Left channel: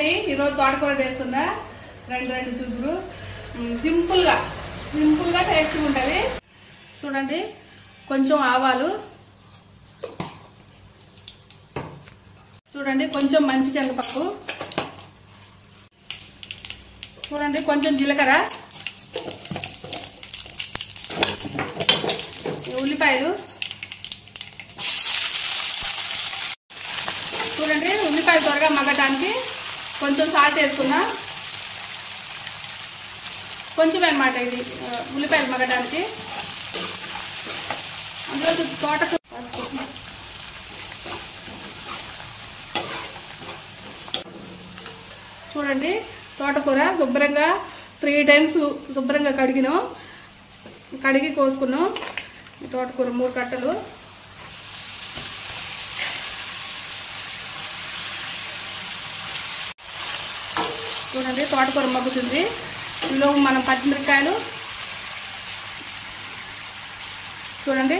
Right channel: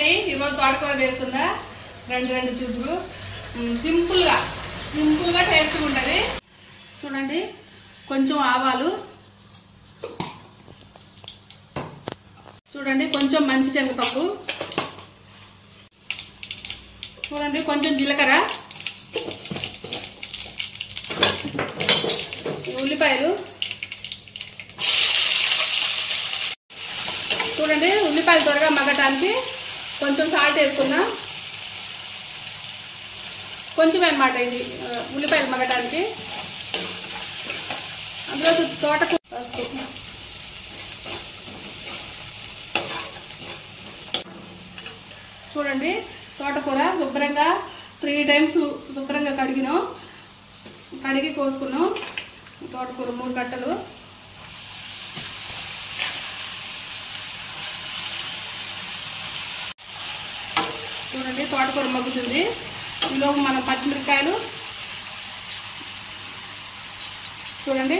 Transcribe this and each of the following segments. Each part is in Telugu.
అండి, ఈరోజు తోటకూర చేస్తుందా రెండు చూపులు సింపుల్ గా టేస్ట్గా ఉంటుంది. చూడండి, కొంచెం ఆవాలు, చూడండి కొంచెం మంచి శనగపప్పు, చూడండి కొంచెం జీలకర్ర, ఉల్లిపాయలు, చూడండి ఉల్లిపాయలు త్వరగా మగ్గటానికి కొంచెం సాల్ట్ వేసుకున్నా, కొంచెం అన్నమాట ఇది ఉల్లిపాయలు మగ్గటానికి. అందులో తోటకూర చూడండి, తోటకూర శుభ్రంగా 3 times శుభ్రంగా కడిగి కోసుకున్నాం. తోటకూర 3 కట్టలు. చూడండి తోటకూర మగ్గుతుంది. ఇందులో మనం పచ్చిమిరపకాయలు చూడండి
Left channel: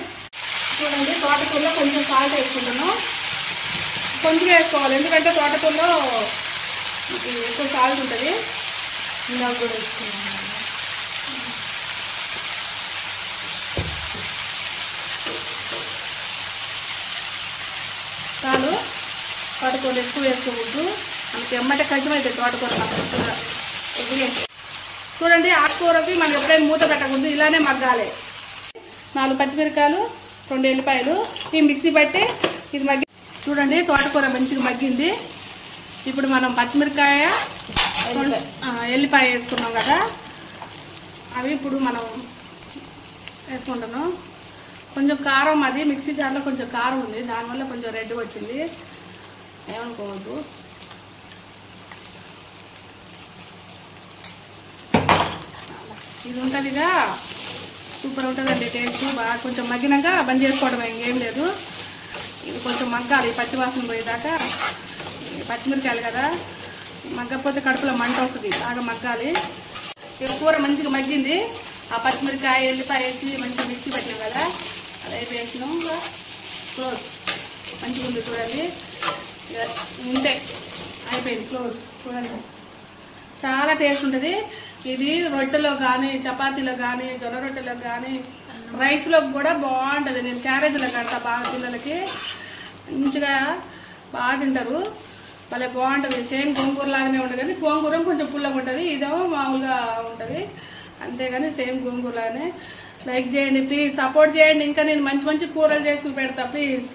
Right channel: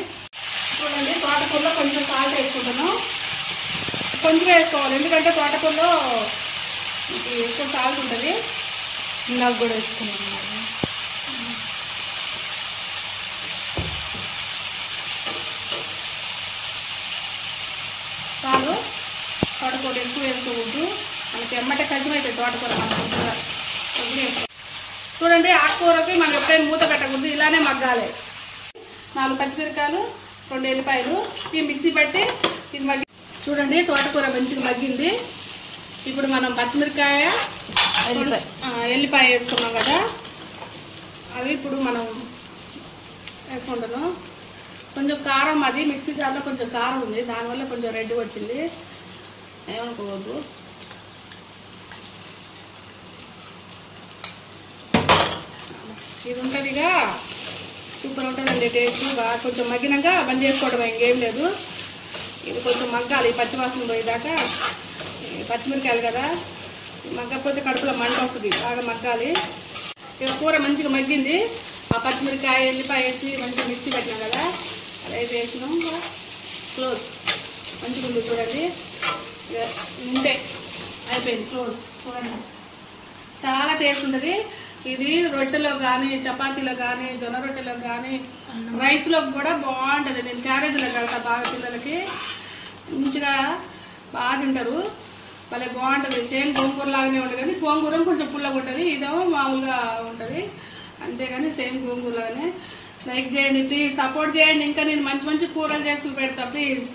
తోటకూరలో కొంచెం సాల్ట్ వేసుకుంటున్నాం. కొంచెం వేసుకోవాలి, ఎందుకంటే తోటకూరలో ఎక్కువ సాల్ట్ ఉంటుంది. ఇందాక కూడా వేసుకున్నాం. చాలు, తోటకూర ఎక్కువ వేసుకోవద్దు, మనకి ఎమ్మటే కష్టమైతే తోటకూర. చూడండి ఆకుకూరకి మనం ఎప్పుడైనా మూత పెట్టకూడదు, ఇలానే మగ్గాలి. 4 పచ్చిమిరపకాయలు, 2 ఎల్లిపాయలు ఇవి మిక్సీ పట్టి ఇది మగ్గి. చూడండి తోటకూర మంచిగా మగ్గింది. ఇప్పుడు మనం పచ్చిమిరపకాయ, ఎల్లిపాయ వేసుకున్నాం కదా, అవి ఇప్పుడు మనం వేసుకుంటాను. కొంచెం కారం, అది మిక్సీ జార్లో కొంచెం కారం ఉంది, దానివల్ల కొంచెం రెడ్గా వచ్చింది, ఏమనుకోవద్దు. ఇది ఉంటుందిగా, సూపర్ ఉంటుందండి టేస్ట్. బాగా కొంచెం మగ్గినాక బంద్ చేసుకోవడం, ఇంకేం లేదు. ఇది కొంచెం మగ్గాలి, పచ్చివాసన పోయేదాకా. పచ్చిమిరకాయలు కదా, మగ్గకపోతే కడుపులో మంట వస్తుంది, బాగా మగ్గాలి. కూర మంచిగా మగ్గింది. ఆ పచ్చిమిరకాయ, ఎల్లిపాయ వేసి మంచిగా మిక్సీ పెట్టినాం కదా, అదైతే వేసినాం. క్లోజ్ మంచిగా ఉంది చూడండి, ఉంటే అయిపోయింది, క్లోజ్. చూడండి చాలా టేస్ట్ ఉంటుంది. ఇది రొట్టెలో కానీ, చపాతీలో కానీ, జొన్న రొట్టెలో కానీ, రైస్లో కూడా బాగుంటుంది. నేను క్యారేజీలో కడతా బాగా, పిల్లలకి మంచిగా బాగా తింటారు, భలే బాగుంటుంది. సేమ్ గోంగూర లాగానే ఉంటుంది, కానీ గోంగూర కొంచెం పుల్లగా ఉంటుంది, ఇదేమో మామూలుగా ఉంటుంది, అంతేగాని సేమ్ గోంగూర లాగానే. లైక్ చేయండి ప్లీజ్, సపోర్ట్ చేయండి. ఇంకా నేను మంచి కూరలు చేసి పెడతా ప్లీజ్.